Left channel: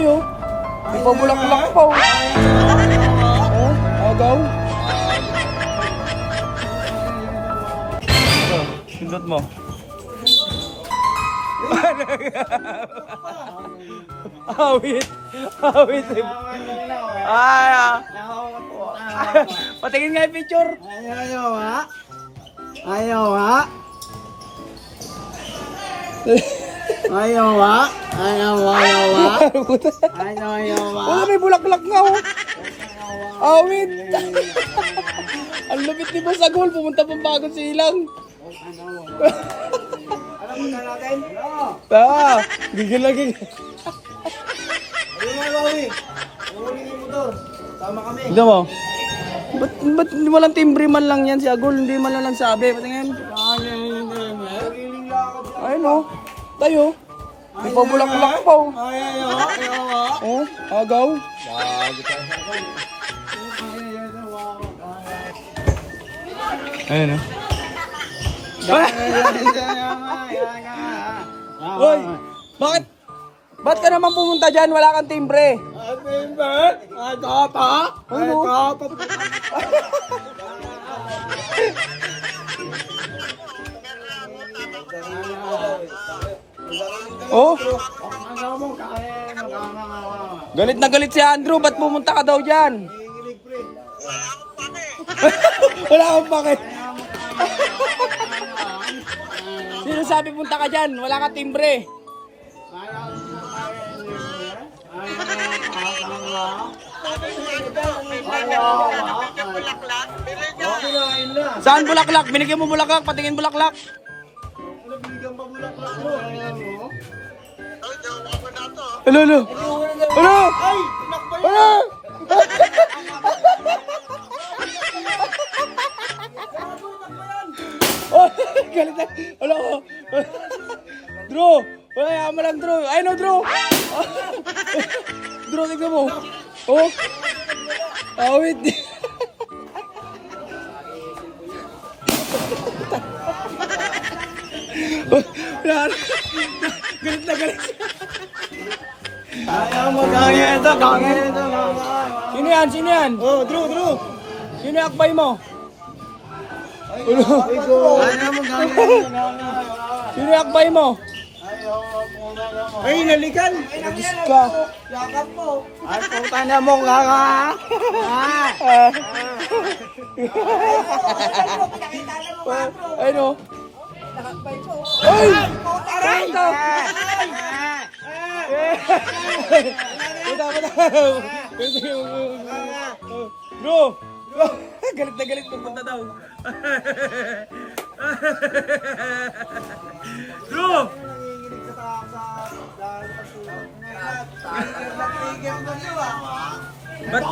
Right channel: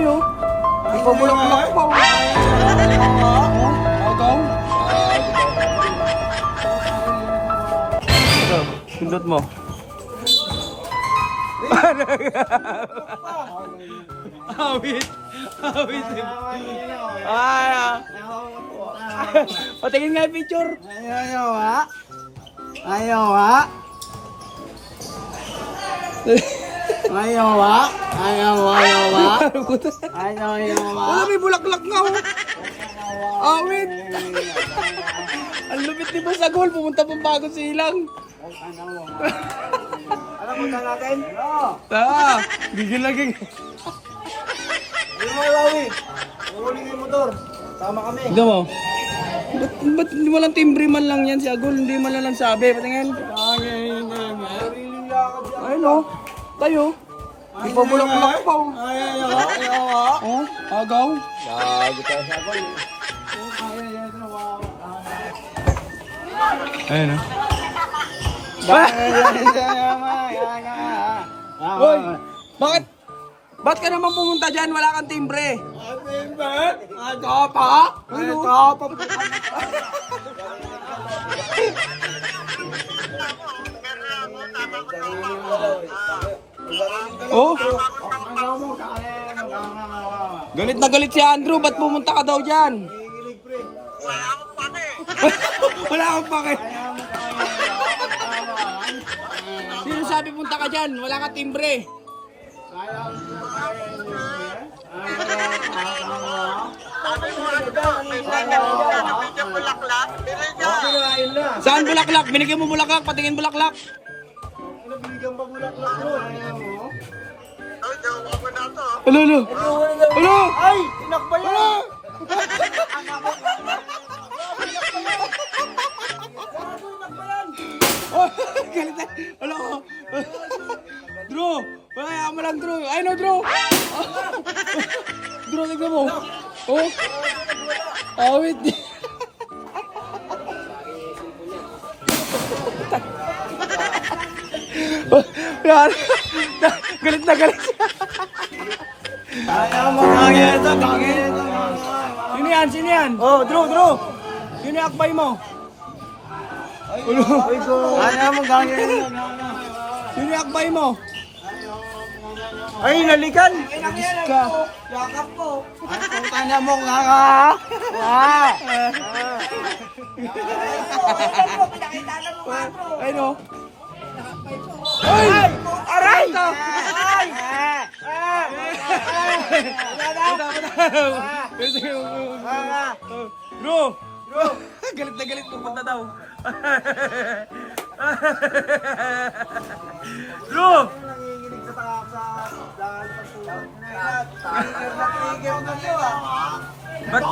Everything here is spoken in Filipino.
tayo. Ipabulak-bulak pa. Agaw. Sundot mo. Awit. Awit. Patingin nga yung picture. Ayaw ha? Ayaw ha? Ayaw ha? Ayaw ha? Ayaw ha? Wala, may bulak-bulak nga oh. Awit. Ang lupit ni Boss Agol, pumunta pang bagong silang. Alam mo na natin? Gigil lagi. Ayaw mo Rawi. Huling yung motor. Tama kami. Tignan mo. Ba't hindi mo lang timbre man lang yan si Agol? Hindi man lang sabi. Patingin. Ayun o. Tayo. Ipabulak-bulak pa o. Ayaw ha? Oh, agaw. Gago tayo sa Agol. Ayun o. Hoy! Bakit? Ba't ka naman pumunta dyan? Wala kang timbre. Oh? Galit na galit si Andrew. Ba't pumunta ka daw dyan? Wala akong pake. Sino sabi punta ka dyan? Wala kang timbre. Saan bulaklak? Binigyan mo bulaklak, patingin bulaklak. Hello, hello. Hello. Ay! Nakbayan! Hello. Galit na. Hello. Drew. Ay, ama lang Drew. Ay, no, Drew. Drew, tignan mo. Oh. Awit. Yan. Galit na galit. Ayaw mo gangin ito, gangin ito. Sino yan? Sino yan? Oh, Drew! Sino yung akbay mo? Ayaw mo gangin ito. Sino yung akbay mo? Ay, nalikan! Nagis ka. Yakap ko! Ay, puta na mo, kaka! Ay, no. Ay! Aray! Ito! Bro! Galit na galit pupunta daw. Bro! Nanginginig sa Ba't?